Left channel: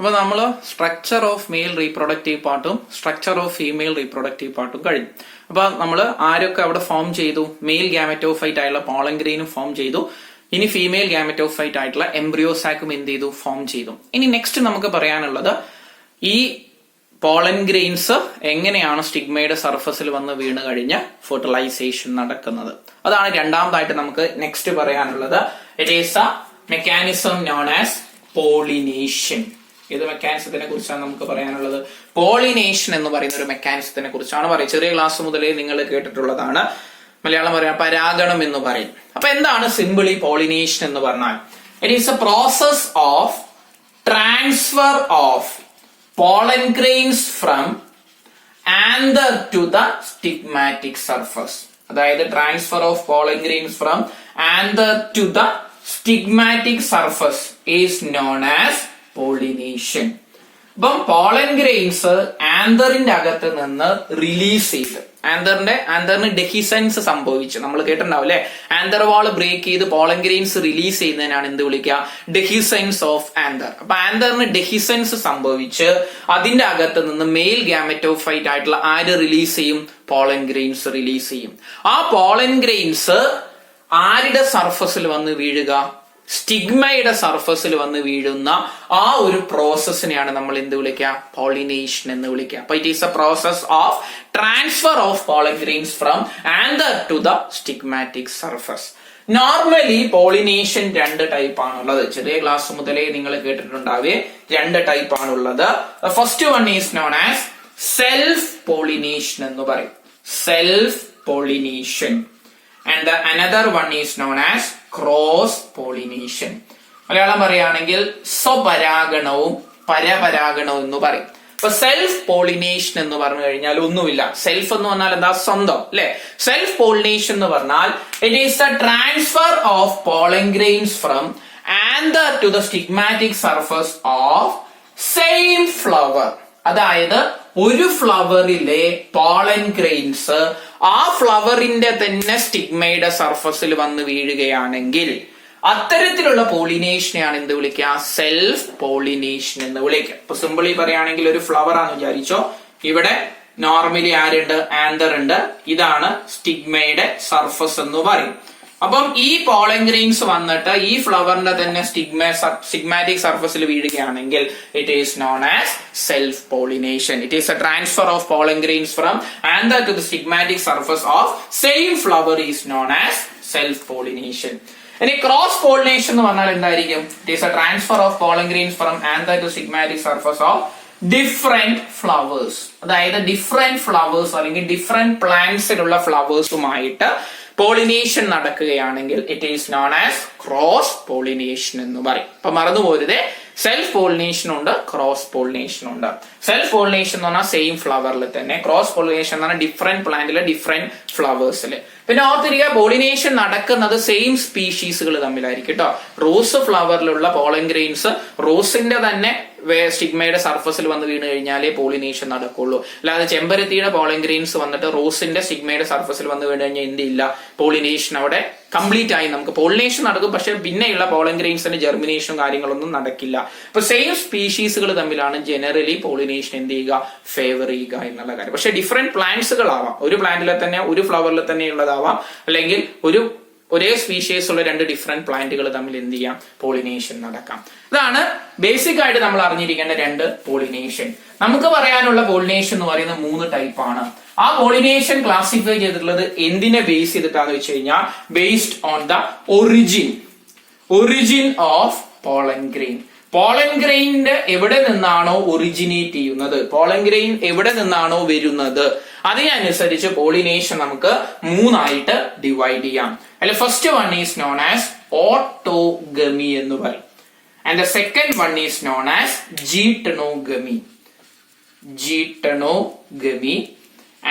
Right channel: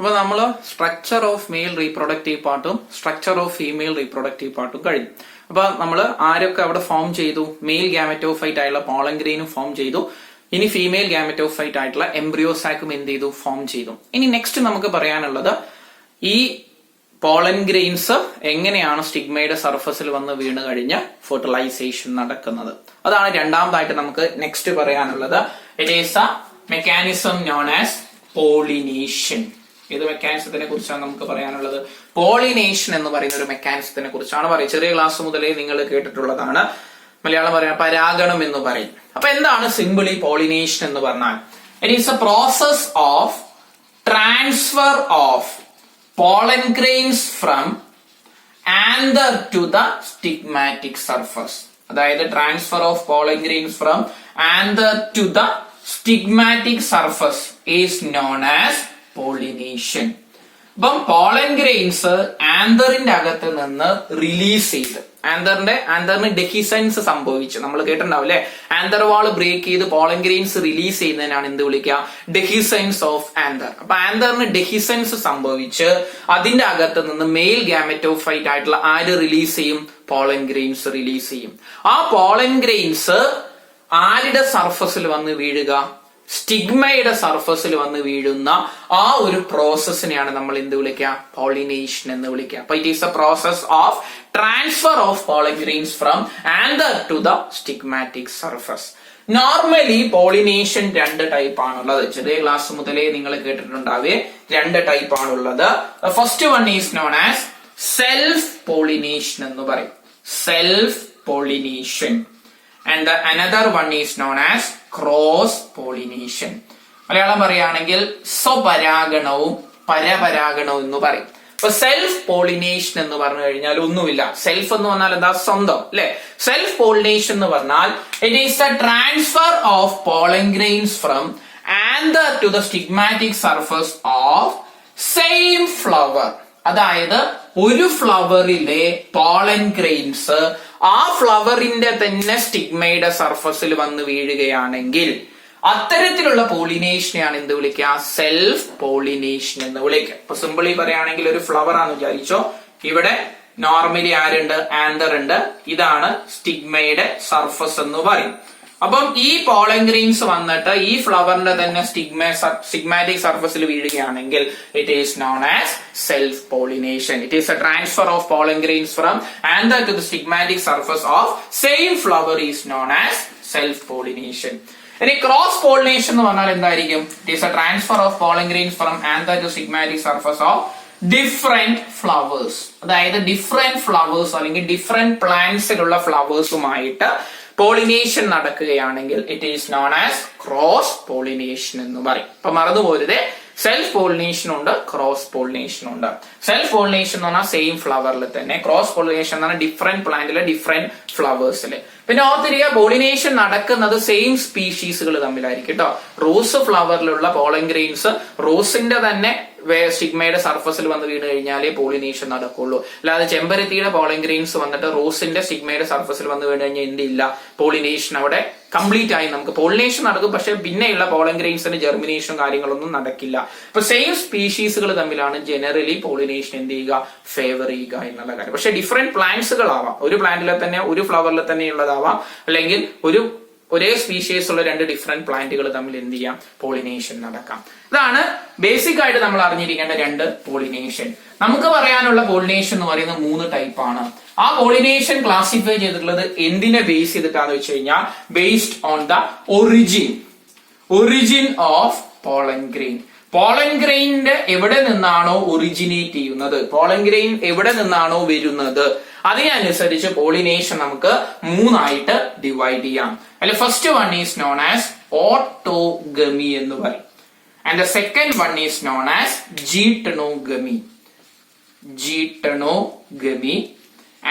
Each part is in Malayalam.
അപ്പൊ നമ്മള് സ്ട്രക്ചർ ഓഫ് മെയിൽ റീപ്രൊഡക്റ്റീവ് പാർട്ടും സ്ട്രക്ചർ ഓഫ് ഫീമെയിൽ റീപ്രൊഡക്റ്റീവ് പാർട്ടും കഴിഞ്ഞു. അപ്പൊ നമ്മള് ആരൊക്കെ അവിടെ ഫോം ചെയ്തു? മെയിൽ ഗാമറ്റോഫൈറ്റ് ആയിട്ടുള്ള പോളൻ ഗ്രെയിനും ഫോം ചെയ്തു. ഇനി ഫീമെയിൽ ഗാമറ്റോഫൈറ്റ് ആയിട്ടുള്ള എംബ്രിയോസാക്കും എന്ത് ചെയ്തു? ഫോം ചെയ്തു. ഇനി നെക്സ്റ്റ് നമുക്ക് പറയാനുള്ളത് ഈ പോളൻ ഗ്രെയിൻസ് എങ്ങനെയാണ് സ്റ്റിഗ്മയുടെ സർഫസിൽ വന്ന് വീണ് കഴിഞ്ഞ് ഫെർട്ടിലൈസേഷൻ നടക്കുന്നത്. അതാണ് രണ്ടാമതായിട്ട് നമുക്ക് നെക്സ്റ്റ് പറയാനുള്ളത്. It is A mechanism known as pollination. ഏത് മെക്കാനിസത്തിനെ കുറിച്ചാണ് നമുക്ക് പറയാനുള്ളത്? പോളിനേഷൻ എന്ന് പറയുന്ന ഒരു മെക്കാനിസത്തിനെ കുറിച്ചാണ് പറയുന്നത്. ചെറിയ ക്ലാസ് മുതലേ നിങ്ങൾ കേട്ടിട്ടുള്ളതാണ്. മലയാളം പറയാൻ പരാഗണം എന്ന് പറയും. അപ്പൊ എന്താണ് സിമ്പിളി പോളിനേഷൻ എന്ന് പറഞ്ഞാൽ? It is a process of transfer of pollen grains from anther to the stigmatic surface. അതായത് transfer of pollen grains from anther to the stigmatic surface is known as pollination. അപ്പം പോളൻ ഗ്രെയിൻസ് ആന്തറിന്റെ അകത്ത് നിന്ന് റിലീസ് ചെയ്ത് ആന്തറിന് ഡെഹിസൻസ് സംഭവിച്ചു. നമ്മൾ കേട്ടിട്ടുണ്ടാവും അല്ലെ? ആന്തർ വാൾ ബ്രേക്ക് ചെയ്ത് പോളൻ ഗ്രെയിൻസ് റിലീസ് ചെയ്യുന്നതിനാണ് എന്ത് വിളിക്കുക? Dehiscence of anther. അപ്പൊ ആന്തറിന് ഡെഹിസൻസ് സംഭവിച്ച് അതിന്റെ അകത്ത് നിന്ന് മെയിൽ ഗാമറ്റോഫൈറ്റ് ആയിട്ടുള്ള ആര് റിലീസ് ചെയ്യും? പോളൻ ഗ്രെയിൻസ് റിലീസ് ചെയ്യും. ആ പോളൻ ഗ്രെയിൻസ് ആരുടെ സർഫസിൽ വന്ന് വീഴുക? സ്റ്റിഗ്മയുടെ സർഫസിൽ വന്ന് വീഴുന്ന ആ ഒരു പ്രോസസ്സിനെയാണ് നമ്മൾ എന്ത് വിളിക്കുക? പോളിനേഷൻ എന്ന് വിളിക്കുക. അപ്പൊ it is a process of transfer of pollen grains from anther to the stigmatic surface. Normally pollination രണ്ട് ടൈപ്പ് ആണുള്ളത്. ചെറിയ ക്ലാസ് മുതലേ നിങ്ങൾ കേട്ടിട്ടുണ്ടാവേ രണ്ട് ടൈപ്പ് ആണുള്ളത്. First one is known as self pollination എന്ന് പറയും. Self pollination. And the another one is known as cross pollination. Malayalam പറയുകയാണെങ്കിൽ സ്വപരാഗണവും പരപരാഗണവും എന്ന് പറയും. ഇപ്പൊ സെൽഫ് പോളിനേഷൻ എന്ന് പറഞ്ഞു കഴിഞ്ഞാൽ ഒന്നുമില്ല. സെൽഫ് എന്ന് പറഞ്ഞാൽ എന്താ? സ്വന്തം അല്ലെ? സെൽഫ് പോളിനേഷൻ എന്ന് പറഞ്ഞാൽ it is a transfer of pollen grains from anther to the stigmatic surface of same flower. അതായത് ഒരു ഫ്ലവറിലെ പോളൻ ഗ്രെയിൻസ് ആ ഫ്ലവറിന്റെ തന്നെ സ്റ്റിഗ്മയുടെ സർഫസിൽ വന്ന് വീഴുകയാണെങ്കിൽ അത്തരത്തിലുള്ള പോളിനേഷനെയാണ് എന്ത് വിളിക്കുക? സെൽഫ് പോളിനേഷൻ എന്ന് വിളിക്കുക. ഇപ്പൊ സിമ്പിളി പറയുകയാണെങ്കിൽ ഒരു ഫ്ലവർ ആണെന്ന് വിചാരിച്ചോ. ഇവിടെ നോർമലി ആരുണ്ട്? ആന്തർ ഉണ്ട്. ഇതാണ് സ്റ്റിഗ്മയുടെ സർഫസ് എന്ന് പറയും. അപ്പം ഈ പോളൻ ഗ്രെയിൻസ് വന്നിട്ട് ഈ ഫ്ലവറിന്റെ തന്നെ സ്റ്റിഗ്മാറ്റിക് സർഫസിൽ വീഴുകയാണെങ്കിൽ it is known as self pollination. It is a transfer of pollen grains from anther to the stigmatic surface of same flower is known as self pollination. ഇനി ക്രോസ് പോളിനേഷൻ എന്ന് പറഞ്ഞാൽ എന്തായിരിക്കും? It is a transfer of pollen grains from anther to stigmatic surface of different flowers. അതായത് ഡിഫറെന്റ് ഫ്ലവേഴ്സ് അല്ലെങ്കിൽ ഡിഫറെന്റ് പ്ലാന്റ്സിലുള്ള ഫ്ലവേഴ്സുമായിട്ട് പോളിനേഷൻ നടക്കുകയാണെങ്കിൽ it is known as cross pollination എന്ന് പറയും. അപ്പൊ മറന്നുപോരുത്, സെൽഫ് പോളിനേഷൻ ഉണ്ട്, ക്രോസ് പോളിനേഷൻ ഉണ്ട്. സെൽഫ് പോളിനേഷൻ എന്ന് പറഞ്ഞാൽ സെയിം ഫ്ലവറിൽ തന്നെ. ക്രോസ് പോളിനേഷൻ എന്ന് പറഞ്ഞാൽ ഡിഫറെന്റ് പ്ലാന്റിലെ ഡിഫറെന്റ് ഫ്ലവേഴ്സിൽ. പിന്നെ ഓർത്തിരിക്കുക, പോളിനേഷൻ നടക്കുന്നത് സെയിം സ്പീഷീസുകൾ തമ്മിലായിരിക്കും കേട്ടോ. റോസ് ഫ്ലവറിലുള്ള പോളൻ ഗ്രെയിൻസ് റോസിന്റെ തന്നെ സ്റ്റിഗ്മയുടെ സർഫസിൽ വന്ന് വീണ് കഴിഞ്ഞാലേ പോളിനേഷൻ നടക്കുള്ളൂ. അല്ലാതെ ചെമ്പരത്തിയുടെ പോളൻ ഗ്രെയിൻസ് വന്നിട്ട് റോസിന്റെ സ്റ്റിഗ്മയുടെ സർഫസിൽ വന്ന് വീണ് കഴിഞ്ഞാൽ എന്തില്ല? പോളിനേഷൻ അവിടെ കംപ്ലീറ്റ് ആയി നമുക്ക് പോളിനേഷൻ നടക്കും. പക്ഷെ പിന്നെയുള്ള പോളൻ ഗ്രെയിൻസിന്റെ ജെർമിനേഷൻ കാര്യങ്ങളൊന്നും നടക്കില്ല. അപ്പൊ സെയിം സ്പീഷീസുകൾ തമ്മിലാണ് ജനറലി പോളിനേഷൻ എന്ത് ചെയ്യുക? ഫേവർ ചെയ്യുക എന്നുള്ള കാര്യം. പക്ഷെ ഡിഫറെന്റ് പ്ലാന്റ്സുകളാവാം. ഒരു പ്ലാന്റിലെ തന്നെ ഒരു ഫ്ലവറിൽ തന്നെ ഉള്ളതാവാം, അല്ലെങ്കിൽ ഒരേ സ്പീഷീസ് ഉള്ള രണ്ട് ഡിഫറെന്റ് പ്ലാന്റുകൾ തമ്മിൽ എന്ത് ചെയ്യാം? പോളിനേഷൻ നടക്കാം. ഇതാണ് ബേസിക് ആയിട്ട് നമ്മൾ അറിഞ്ഞിരിക്കേണ്ട രണ്ട് പോളിനേഷൻ. നമുക്ക് പറയാനുള്ള പോളിനേഷൻ എന്ന് പറയുന്നത് 3 ടൈപ്പാണ്. ആ പോളിനേഷൻ ക്ലാസിഫൈ ചെയ്തിട്ടുള്ളത് എന്തിനെ ബേസ് ചെയ്തിട്ടാന്ന് വെച്ച് കഴിഞ്ഞാൽ based on the origin of pollen grain. Pollen ഗ്രെയിനിന്റെ എവിടെ നിന്നാണോ ഒറിജിനേറ്റ് ചെയ്യുന്നത്, പോളൻ ഗ്രെയിൻ എവിടെ നിന്നാണോ വരുന്നത്, അതിനനുസരിച്ച് പോളിനേഷൻ നമുക്ക് 3 ആയിട്ട് ഡിവൈഡ് ചെയ്യാം. അതിൽ first one is known as autogamy എന്ന് പറയും. And the second one is known as geitonogamy.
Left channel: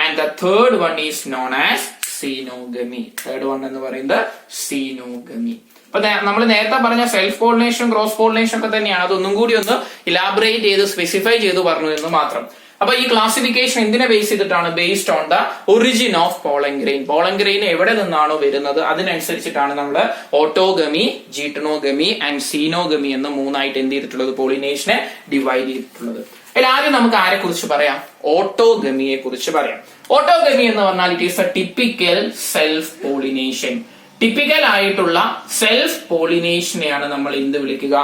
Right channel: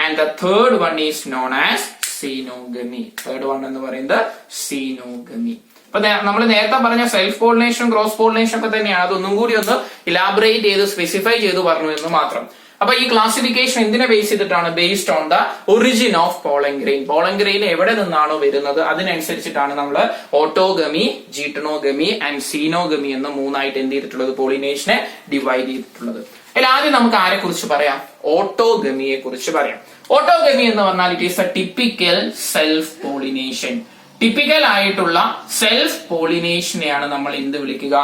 And the third one is known as xenogamy. Third one എന്ന് പറയുന്നത് സീനോഗമി. അപ്പൊ നമ്മൾ നേരത്തെ പറഞ്ഞ സെൽഫ് പോളിനേഷൻ ക്രോസ് പോളിനേഷൻ ഒക്കെ തന്നെയാണ്. അതൊന്നും കൂടി ഒന്ന് ഇലാബറേറ്റ് ചെയ്ത് സ്പെസിഫൈ ചെയ്ത് പറഞ്ഞു എന്ന് മാത്രം. അപ്പൊ ഈ ക്ലാസിഫിക്കേഷൻ എന്തിനെ ബേസ് ചെയ്തിട്ടാണ്? Based on the origin of pollen grain. Pollen grain എവിടെ നിന്നാണോ വരുന്നത് അതിനനുസരിച്ചിട്ടാണ് നമ്മൾ ഓട്ടോഗമി, ജീട്ടണോഗമി ആൻഡ് സീനോഗമി എന്ന് മൂന്നായിട്ട് എന്ത് ചെയ്തിട്ടുള്ളത്? പോളിനേഷനെ ഡിവൈഡ് ചെയ്തിട്ടുള്ളത്. അതിൽ ആദ്യം നമുക്ക് ആരെ കുറിച്ച് പറയാം? ഓട്ടോഗമിയെ കുറിച്ച് പറയാം. ഓട്ടോഗമി എന്ന് പറഞ്ഞാൽ it is a typical self pollination. Typical ആയിട്ടുള്ള സെൽഫ് പോളിനേഷനെയാണ് നമ്മൾ എന്ത് വിളിക്കുക?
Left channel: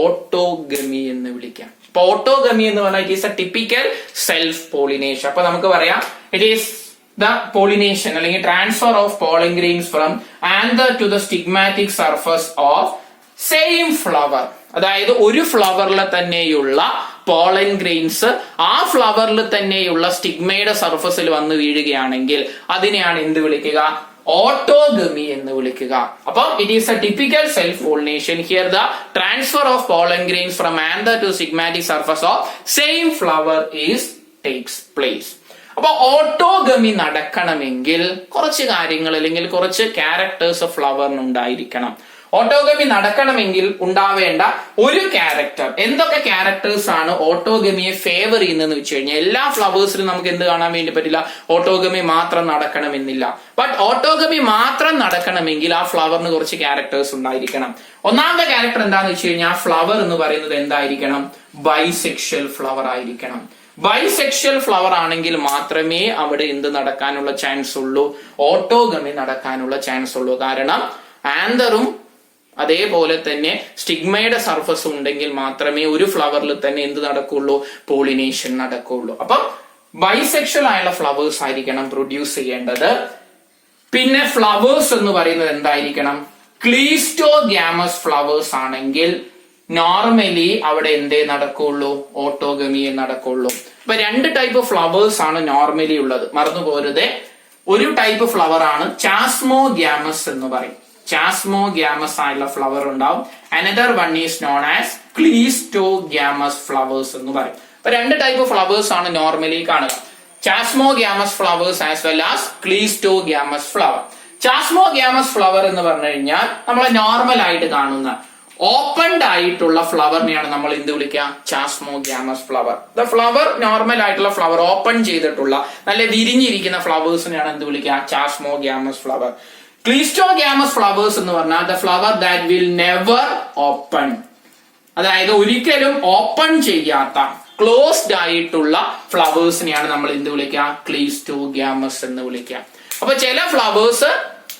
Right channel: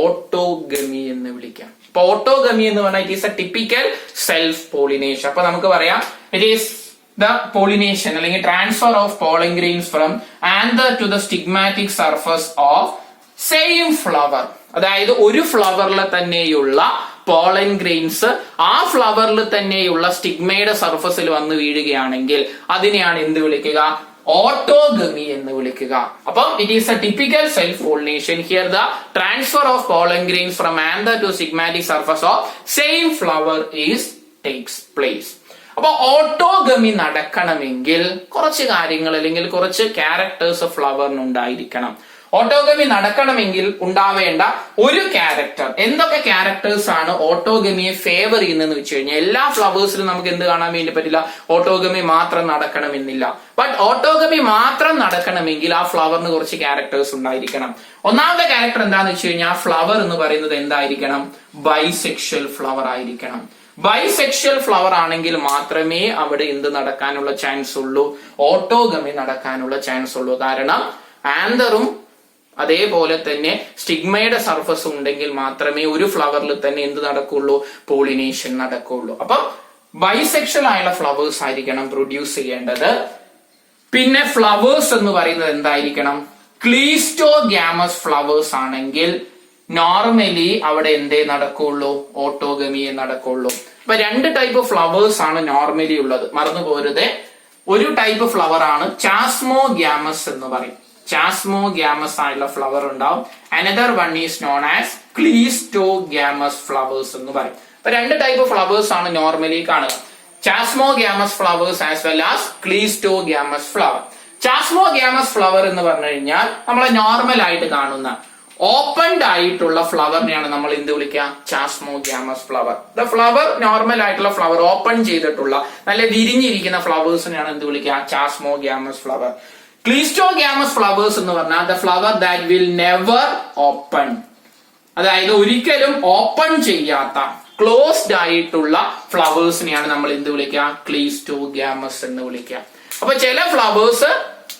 ഓട്ടോഗമി എന്ന് വിളിക്കാം. അപ്പൊ ഓട്ടോഗമി എന്ന് പറഞ്ഞാൽ it is a typical self pollination. അപ്പൊ നമുക്ക് പറയാം ഇറ്റ് ഈസ് ദ പോളിനേഷൻ അല്ലെങ്കിൽ transfer of pollen grains from anther to the stigmatic surface of same flower. അതായത് ഒരു ഫ്ലവറിൽ തന്നെയുള്ള പോളൻ ഗ്രെയിൻസ് ആ ഫ്ലവറിൽ തന്നെയുള്ള സ്റ്റിഗ്മയുടെ സർഫസിൽ വന്ന് വീഴുകയാണെങ്കിൽ അതിനെയാണ് എന്ത് വിളിക്കുക? ഓട്ടോഗമി എന്ന് വിളിക്കുക. അപ്പം it is a typical self pollination. Here the transfer of pollen grains from anther to stigmatic surface of same flower is takes place. അപ്പൊ ഓട്ടോഗമി നടക്കണമെങ്കിൽ കുറച്ച് കാര്യങ്ങൾ അല്ലെങ്കിൽ കുറച്ച് ക്യാരക്ടേഴ്സ് ഫ്ലവറിന് ഉണ്ടായിരിക്കണം. ഓട്ടോഗമി നടക്കണമെങ്കിൽ ഉണ്ടാവേണ്ട ഒരു ക്യാരക്ടർ. എന്തൊക്കെ ക്യാരക്ടേഴ്സ് ആണ് ഓട്ടോഗമിയെ ഫേവർ ചെയ്യുന്നതെന്ന് വെച്ച് കഴിഞ്ഞാൽ എല്ലാ ഫ്ലവേഴ്സിലും നമുക്ക് എന്ത് കാണാൻ വേണ്ടി പറ്റില്ല? ഓട്ടോഗമി മാത്രം നടക്കണമെന്നില്ല. ബട്ട് ഓട്ടോഗമി മാത്രം നടക്കണമെങ്കിൽ ആ ഫ്ലവറിന് കുറച്ച് ക്യാരക്ടേഴ്സ് ഉണ്ടായിരിക്കണം. ഒന്നാമത്തെ ക്യാരക്ടർ എന്താന്ന് വെച്ച് കഴിഞ്ഞാൽ ഫ്ലവർ എന്ന് പറയുന്നത് എന്തായിരിക്കണം? ബൈസെക്ഷൽ ഫ്ലവർ ആയിരിക്കണം. ബൈസെക്ഷൽ ഫ്ലവർ ആണെങ്കിൽ മാത്രമേ അവിടെ എന്ത് നടക്കാനുള്ള ചാൻസ് ഉള്ളൂ? ഓട്ടോഗമി നടക്കാനുള്ള ചാൻസ് ഉള്ളൂ. കാരണം ആന്തറും അതേപോലെ തന്നെ സ്റ്റിഗ്മയുടെ സർഫസ് ഉണ്ടെങ്കിൽ മാത്രമേ ഒരു ഫ്ലവറിൽ തന്നെ എന്ത് നടക്കുള്ളൂ? പോളിനേഷൻ നടക്കുള്ളൂ. അപ്പം ബൈസെക്ഷൽ ആയുള്ള ഫ്ലവേഴ്സ് ആയിരിക്കണം പ്രൊഡ്യൂസ് ചെയ്യേണ്ടത്. പിന്നെ ഫ്ലവേഴ്സ് എന്ന് പറയുന്നത് എന്തായിരിക്കണം? ക്ലീസ്റ്റോഗ്യാമസ് ഫ്ലവേഴ്സ് ആണെങ്കിൽ നോർമലി അവിടെ എന്തേ നടക്കുള്ളൂ? ഓട്ടോഗമിയെ നടക്കുള്ളൂ. അപ്പൊ രണ്ട് ടൈപ്പ് ഫ്ലവേഴ്സ് ആണ് നോർമലി ഉള്ളത്, മറന്നു പോരുതേ. ഒരു ടൈപ്പ് ഫ്ലവർ ആണ് ചാസ്മോഗ്യാമസ് എന്ന് പറയും. ചാസ്മോഗ്യാമസ് ആയിട്ടുള്ള ഫ്ലവർ ഉണ്ടാവും. Another one is known as cleistogamous flowers എന്ന് പറയും. അപ്പൊ രണ്ട് ടൈപ്പ് ഫ്ലവേഴ്സ് ആണ് നോർമലി കാണുക. Chasmogamous flowers as well as cleistogamous flower. Chasmogamous flower എന്ന് പറഞ്ഞു കഴിഞ്ഞാൽ നമ്മളെ നോർമൽ ആയിട്ട് കാണുന്ന ഓപ്പൺഡ് ആയിട്ടുള്ള ഫ്ലവറിനെയാണ് നമ്മൾ എന്ത് വിളിക്കുക? ചാസ്മോഗ്യാമസ് ഫ്ലവർ. ദ ഫ്ലവർ നോർമൽ ആയിട്ടുള്ള ഫ്ലവർ ഓപ്പൺ ചെയ്തിട്ടുള്ള നല്ല വിരിഞ്ഞിരിക്കുന്ന ഫ്ലവേഴ്സിനെയാണ് എന്ത് വിളിക്കുക? ചാസ്മോഗ്യാമസ് ഫ്ലവർ. ക്ലീസ്റ്റോഗ്യാമസ് ഫ്ലവേഴ്സ് എന്ന് പറഞ്ഞാൽ the flower that will never open. അതായത് ഒരിക്കലും ഓപ്പൺ ചെയ്യാത്ത ക്ലോസ്ഡ് ആയിട്ടുള്ള ഫ്ലവേഴ്സിനെയാണ് നമ്മൾ എന്ത് വിളിക്കുക? ക്ലീസ്റ്റോഗ്യാമസ് എന്ന് വിളിക്കുക. അപ്പൊ ചില ഫ്ലവേഴ്സ്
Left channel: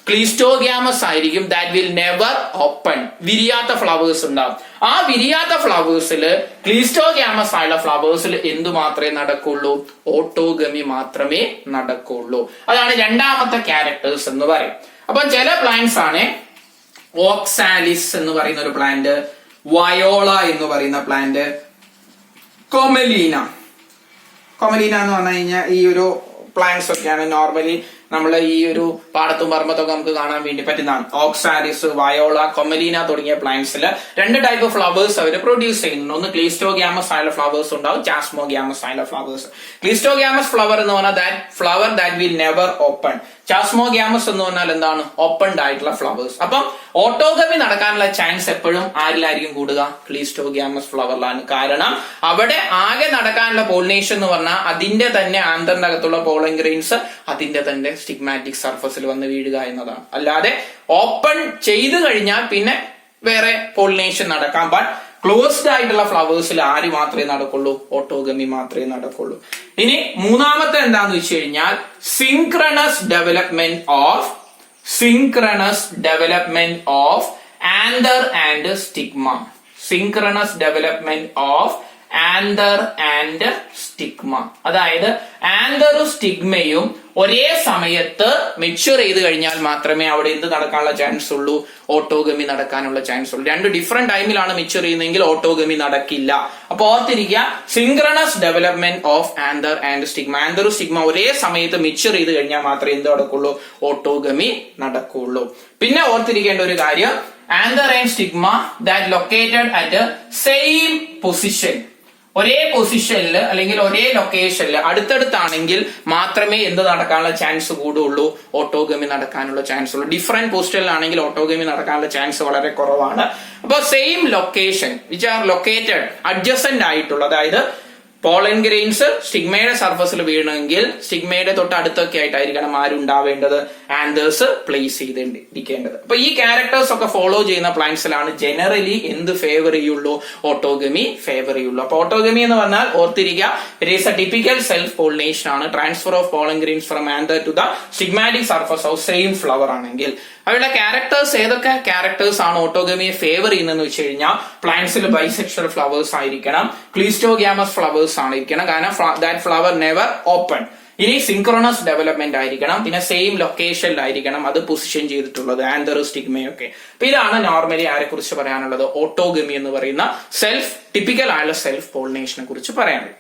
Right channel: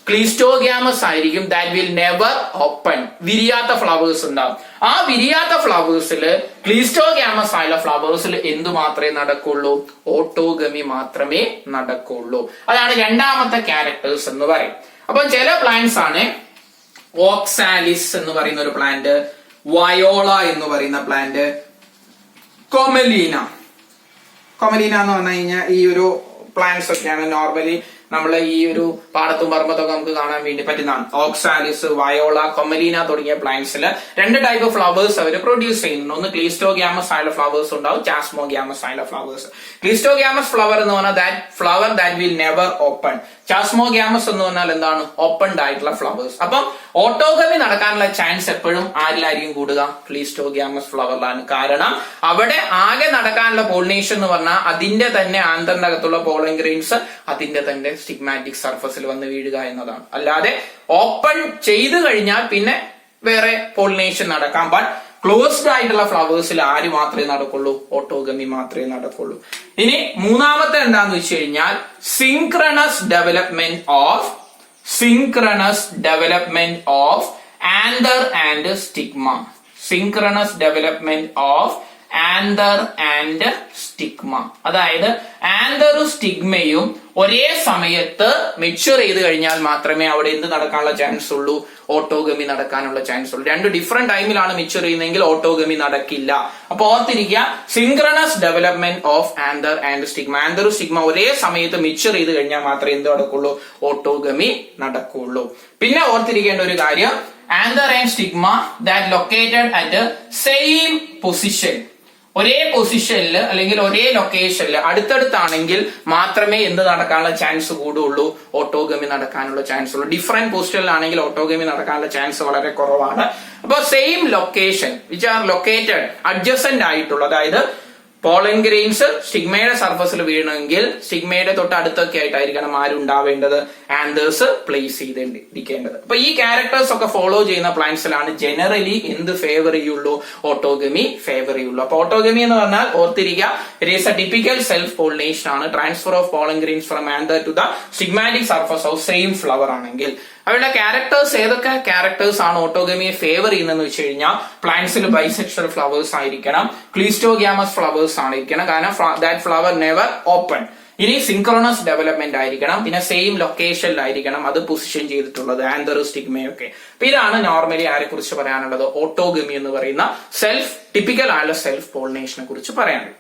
ക്ലീസ്റ്റോഗ്യാമസ് ആയിരിക്കും, ദാറ്റ് വിൽ നെവർ ഓപ്പൺ. വിരിയാത്ത ഫ്ലവേഴ്സ് ഉണ്ടാവും. ആ വിരിയാത്ത ഫ്ലവേഴ്സിൽ ക്ലീസ്റ്റോഗ്യാമസ് ആയുള്ള ഫ്ലവേഴ്സിൽ എന്തു മാത്രമേ നടക്കുള്ളൂ? ഓട്ടോഗമി മാത്രമേ നടക്കുള്ളൂ. അതാണ് രണ്ടാമത്തെ ക്യാരക്ടേഴ്സ് എന്ന് പറയും. അപ്പൊ ചില പ്ലാന്റ്സ് ആണ് ഓക്സാലിസ് എന്ന് പറയുന്ന ഒരു പ്ലാന്റ്, വയോള എന്ന് പറയുന്ന പ്ലാന്റ്, കൊമലീന എന്ന് പറഞ്ഞു കഴിഞ്ഞാൽ ഈ ഒരു പ്ലാന്റ്സ് ഒക്കെയാണ് നോർമലി നമ്മൾ ഈ ഒരു പാടത്തും പറമ്പത്തൊക്കെ നമുക്ക് കാണാൻ വേണ്ടി പറ്റുന്നതാണ്. ഓക്സാലിസ്, വയോള, കൊമലീന തുടങ്ങിയ പ്ലാന്റ്സിൽ രണ്ട് ടൈപ്പ് ഫ്ലവേഴ്സ് അവർ പ്രൊഡ്യൂസ് ചെയ്യുന്നുണ്ട്. ഒന്ന് ക്ലീസ്റ്റോഗ്യാമസ് ആയുള്ള ഫ്ലവേഴ്സ് ഉണ്ടാവും, ചാസ്മോഗ്യാമസ് ആയുള്ള ഫ്ലവേഴ്സ്. ക്ലീസ്റ്റോഗ്യാമസ് ഫ്ലവർ എന്ന് പറഞ്ഞാൽ that flower that will never open. Chasmogamous എന്ന് പറഞ്ഞാൽ എന്താണ്? ഓപ്പൺഡ് ആയിട്ടുള്ള ഫ്ലവേഴ്സ്. അപ്പം ഓട്ടോഗമി നടക്കാനുള്ള ചാൻസ് എപ്പോഴും ആരിലായിരിക്കും കൂടുക? ക്ലീസ്റ്റോഗ്യാമസ് ഫ്ലവറിലാണ്. കാരണം അവിടെ ആകെ നടക്കാനുള്ള പോളിനേഷൻ എന്ന് പറഞ്ഞാൽ അതിന്റെ തന്നെ ആന്തറിനകത്തുള്ള പോളൻ ഗ്രെയിൻസ് അതിന്റെ തന്നെ സ്റ്റിഗ്മാറ്റിക് സർഫസിൽ വന്ന് വീഴുക എന്നതാണ്. അല്ലാതെ ഓപ്പൺ ചെയ്തു കഴിഞ്ഞാൽ പിന്നെ വേറെ പോളിനേഷൻ നടക്കാൻ ക്ലോസ്ഡ് ആയിട്ടുള്ള ഫ്ലവേഴ്സിൽ ആര് മാത്രമേ നടക്കുള്ളൂ? ഓട്ടോഗമി മാത്രമേ നടക്കുള്ളൂ. ഇനി മൂന്നാമത്തെ എന്താന്ന് വെച്ച് കഴിഞ്ഞാൽ synchronous development of anther and stigma. Synchronous development of anther and stigma. അതായത് ആന്തറും സ്റ്റിഗ്മയും ഒരേ സമയത്ത് മെച്യൂർ ചെയ്ത് കഴിഞ്ഞാൽ മാത്രമേ അവിടെ എന്ത് നടക്കാനുള്ള ചാൻസ് ഉള്ളൂ? ഓട്ടോഗമി നടക്കാനുള്ള ചാൻസ് ഉള്ളൂ. രണ്ട് ഡിഫറെന്റ് ടൈമിലാണ് മെച്യൂർ ചെയ്യുന്നതെങ്കിൽ ഓട്ടോഗമി നടക്കില്ല. അപ്പൊ ഓർത്തിരിക്കുക, synchronous development of anther and stigma. ആന്തറും സ്റ്റിഗ്മ ഒരേ സമയത്ത് മെച്യൂർ ചെയ്ത് കഴിഞ്ഞാൽ മാത്രമേ എന്ത് നടക്കുള്ളൂ? ഓട്ടോഗമി നടക്കുള്ളൂ. പിന്നെ ഓർത്തിരിക്കേണ്ട ഒരു കാര്യം, anther and stigma that located at same position, ഒരേ പൊസിഷനിൽ അല്ലെങ്കിൽ ഒരേ ലൊക്കേഷനിൽ അടുത്തടുത്താണെങ്കിൽ മാത്രമേ എന്ത് നടക്കാനുള്ള ചാൻസ് കൂടുള്ളൂ? ഓട്ടോഗമി നടക്കാനുള്ള ചാൻസ് ഉള്ളൂ. ഡിഫറെന്റ് പൊസിഷനിലാണെങ്കിൽ ഓട്ടോഗമി നടക്കാനുള്ള ചാൻസ് വളരെ കുറവാണ്. അപ്പൊ same location which are located adjacent ആയിട്ടുള്ള, അതായത് പോളൻ ഗ്രെയിൻസ് സ്റ്റിഗ്മയുടെ സർഫസിൽ വീണമെങ്കിൽ സ്റ്റിഗ്മയുടെ തൊട്ട് അടുത്തൊക്കെ ആയിട്ടായിരിക്കണം ആരുണ്ടാവേണ്ടത്, ആന്തേഴ്സ് പ്ലേസ് ചെയ്തിരിക്കേണ്ടത്. അപ്പൊ ഈ ക്യാരക്ടേഴ്സ് ഒക്കെ ഫോളോ ചെയ്യുന്ന പ്ലാന്റ്സിലാണ് ജനറലി എന്ത് ഫേവർ ചെയ്യുള്ളൂ, ഓട്ടോഗമി ഫേവർ ചെയ്യുള്ളൂ. അപ്പൊ ഓട്ടോഗമി എന്ന് പറഞ്ഞാൽ ഓർത്തിരിക്കുക, it is a typical self pollination ആണ്. Transfer of pollen grains from anther to the stigmatic surface of same flower ആണെങ്കിൽ അവരുടെ ക്യാരക്ടേഴ്സ്, ഏതൊക്കെ ക്യാരക്ടേഴ്സ് ആണ് ഓട്ടോഗമിയെ ഫേവർ ചെയ്യുന്നതെന്ന് വെച്ച് കഴിഞ്ഞാൽ പ്ലാന്റ്സിൽ ബൈസെക്ഷൽ ഫ്ലവേഴ്സ് ആയിരിക്കണം, ക്ലീസ്റ്റോഗ്യാമസ് ഫ്ലവേഴ്സ് ആയിരിക്കണം, കാരണം ദാറ്റ് ഫ്ലവർ നെവർ ഓപ്പൺ. ഇനി സിൻക്രോണസ് ഡെവലപ്മെന്റ് ആയിരിക്കണം, പിന്നെ സെയിം ലൊക്കേഷനിലായിരിക്കണം അത് പൊസിഷൻ ചെയ്തിട്ടുള്ളത്, ആന്തർ സ്റ്റിഗ്മയൊക്കെ. അപ്പൊ ഇതാണ് നോർമലി ആരെ കുറിച്ച് പറയാനുള്ളത്, ഓട്ടോഗമി എന്ന് പറയുന്ന സെൽഫ് ടിപ്പിക്കൽ ആയുള്ള സെൽഫ് പോളിനേഷനെ കുറിച്ച് പറയാനുള്ളത്.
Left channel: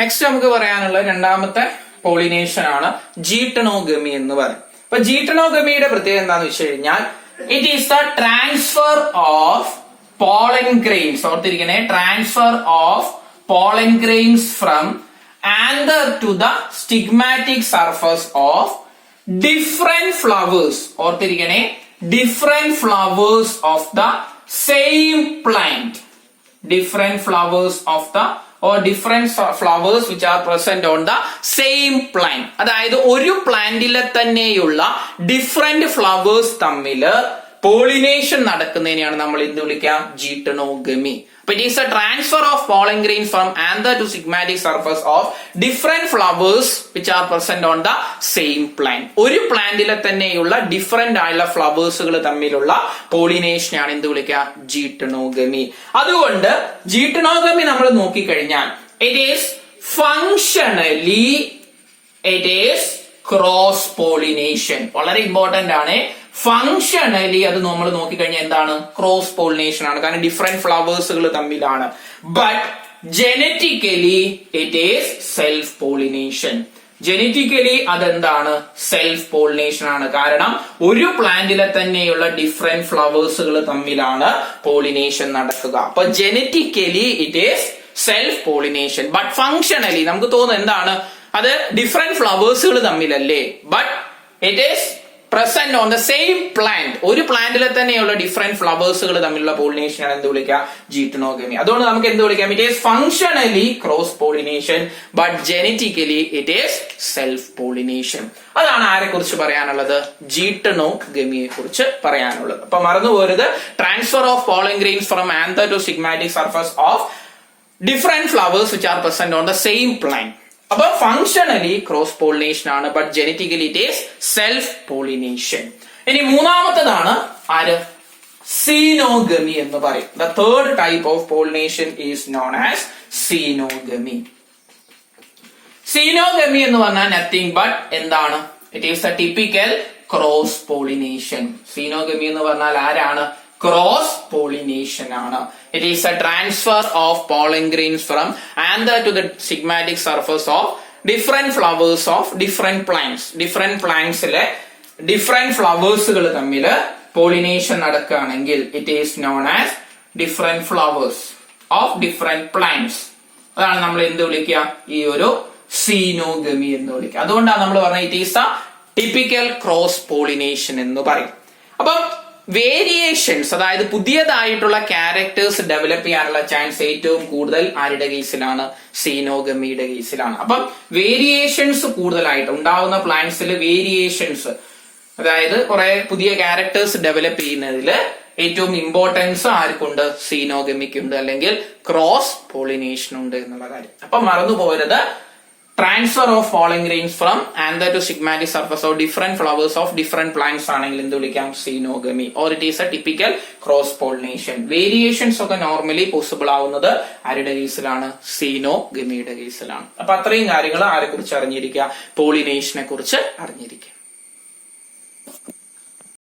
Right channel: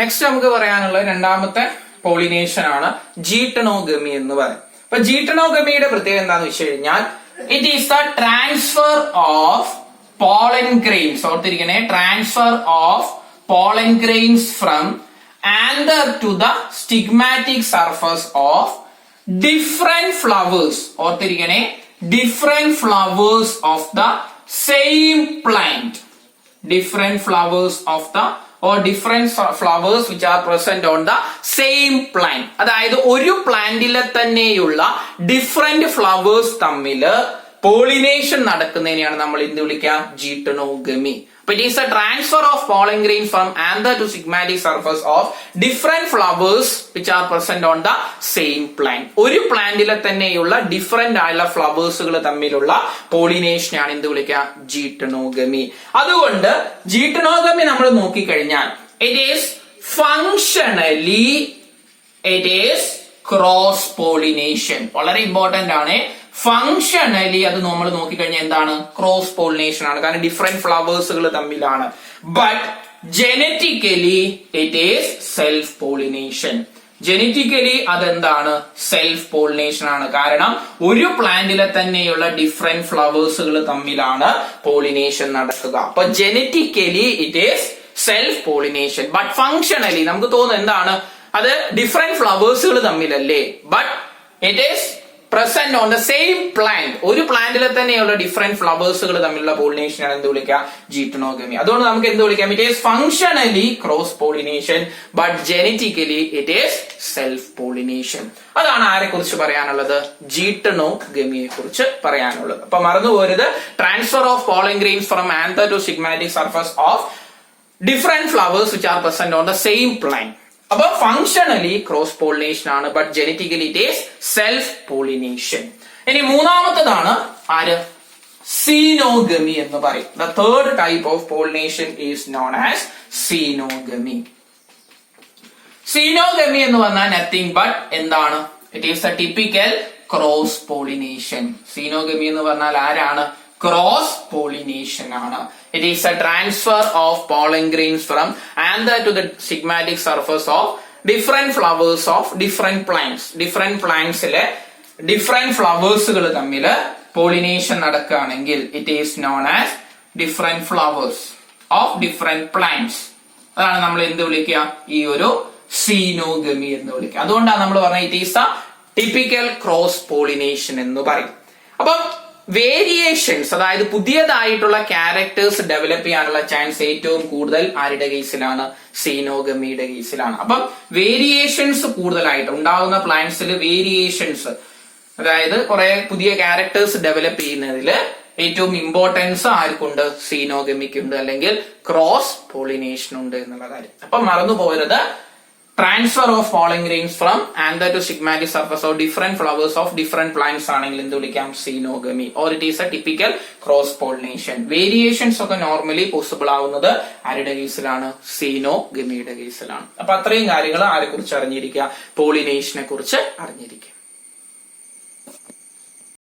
നെക്സ്റ്റ് നമുക്ക് പറയാനുള്ള രണ്ടാമത്തെ പോളിനേഷൻ ആണ് ജീട്ടണോഗമി എന്ന് പറയും. അപ്പൊ ജീട്ടണോഗമിയുടെ പ്രത്യേകത എന്താന്ന് വെച്ച് കഴിഞ്ഞാൽ it is the transfer of pollen grains, ഓർത്തിരിക്കണേ, transfer of pollen grains from anther to the stigmatic surface of different flowers, ഓർത്തിരിക്കണേ, different flowers of the same plant, different flowers of the or different flowers which are present on the same plant. അതായത് ഒരു പ്ലാന്റിലെ തന്നെയുള്ള ഡിഫറെന്റ് ഫ്ലവേഴ്സ് തമ്മില് പോളിനേഷൻ നടക്കുന്നതിനെയാണ് നമ്മൾ എന്ത് വിളിക്കുക, ജീട്ടണോഗമി. അപ്പൊ it is a transfer of pollen grain from anther to stigmatic surface of different flowers which are present on the same plant. ഒരു പ്ലാന്റിലെ തന്നെയുള്ള ഡിഫറെന്റ് ആയുള്ള ഫ്ലവേഴ്സുകൾ തമ്മിലുള്ള പോളിനേഷനാണ് എന്ത് വിളിക്കുക, ജീട്ടണോഗമി. അതുകൊണ്ട് ജീട്ടണോഗമി നമ്മൾ നോക്കിക്കഴിഞ്ഞാൽ it is functionally it is cross pollination. വളരെ ഇമ്പോർട്ടന്റ് ആണ്. ഫങ്ഷണലി അത് നമ്മൾ നോക്കിക്കഴിഞ്ഞാൽ എന്താണ്, ക്രോസ് പോളിനേഷൻ ആണ്, കാരണം ഡിഫറെന്റ് ഫ്ലവേഴ്സുകൾ തമ്മിലാണ്. But genetically it is self pollination. Genetically അതെന്താണ്, സെൽഫ് പോളിനേഷൻ ആണ്. കാരണം ഒരു പ്ലാന്റിലെ തന്നെയുള്ള ഡിഫറെന്റ് ഫ്ലവേഴ്സുകൾ തമ്മിലാണ് പോളിനേഷൻ നടക്കുക. അപ്പൊ genetically it is self pollination. But functionally നമുക്ക് തോന്നുന്നത് എന്താണ്, അത് ഡിഫറെന്റ് ഫ്ലവേഴ്സുകൾ തമ്മിലല്ലേ, but it is present on the same plant. ഒരു പ്ലാന്റിലെ തന്നെയുള്ള ഡിഫറെന്റ് ഫ്ലവേഴ്സുകൾ തമ്മിലുള്ള പോളിനേഷൻ ആണ് എന്ത് വിളിക്കുക, ജീട്ടണോഗമി. അതുകൊണ്ട് നമുക്ക് എന്ത് വിളിക്കാം, it is functionally cross pollination but genetically it is self pollination. അതാണ് ആരെ കുറിച്ച് പറയാനുള്ളത്, ജീട്ടണോഗമിയെ കുറിച്ച് പറയാനുള്ളത്. അപ്പൊ മറന്നുപോരുത്, transfer of pollen grains from anther to stigmatic surface of different flowers which are present on the same plant. അപ്പൊ ഫങ്ഷണലി ക്രോസ് പോളിനേഷൻ ആണ്, but genetically it is self pollination. ഇനി മൂന്നാമത്തതാണ് ആര്, സീനോഗമി എന്ന് പറയും. The third type of pollination is known as xenogamy. Xenogamy എന്ന് പറഞ്ഞാൽ നത്തിങ് ബട്ട് എന്താണ്, it is a typical cross pollination. Xenogamy എന്ന് പറഞ്ഞാൽ ആരാണ്, ക്രോസ് പോളിനേഷൻ ആണ്. It is a transfer of pollen grains from anther to the stigmatic surface of different flowers of different plants. Different plantsile different ഫ്ലവേഴ്സുകൾ തമ്മിൽ പോളിനേഷൻ നടക്കുകയാണെങ്കിൽ it is known as different flowers of different plants. അതാണ് നമ്മൾ എന്ത് വിളിക്കുക, ഈ ഒരു സീനോഗമി എന്ന് വിളിക്കുക. അതുകൊണ്ടാണ് നമ്മൾ പറഞ്ഞത് it is a typical cross pollination എന്ന് പറയും. അപ്പം വേരിയേഷൻസ്, അതായത് പുതിയതായിട്ടുള്ള ക്യാരക്ടേഴ്സ് ഡെവലപ്പ് ചെയ്യാനുള്ള ചാൻസ് ഏറ്റവും കൂടുതൽ ആരുടെ കേസിലാണ്, സീനോഗമിയുടെ കേസിലാണ്. അപ്പം വേരിയേഷൻസ് കൂടുതലായിട്ട് ഉണ്ടാവുന്ന പ്ലാന്റ്സിൽ വേരിയേഷൻസ്, അതായത് കുറെ പുതിയ ക്യാരക്ടേഴ്സ് ഡെവലപ്പ് ചെയ്യുന്നതിൽ ഏറ്റവും ഇമ്പോർട്ടൻസ് ആർക്കുണ്ട്, സീനോഗമിക്കുണ്ട്, അല്ലെങ്കിൽ ക്രോസ് പോളിനേഷൻ ഉണ്ട് എന്നുള്ള കാര്യം. അപ്പൊ മറന്നു പോരുത്, transfer of pollen grains from anther to stigmatic surface of different flowers of different plants ആണെങ്കിൽ എന്ത് വിളിക്കാം, xenogamy, or it is a typical cross pollination. Variations ഒക്കെ നോർമലി പോസിബിൾ ആവുന്നത് ആരുടെ കേസിലാണ്, സീനോഗമിയുടെ കേസിലാണ്. അപ്പൊ അത്രയും കാര്യങ്ങൾ ആരെ കുറിച്ച് അറിഞ്ഞിരിക്കുക, പോളിനേഷനെ കുറിച്ച് അറിഞ്ഞിരിക്കുക.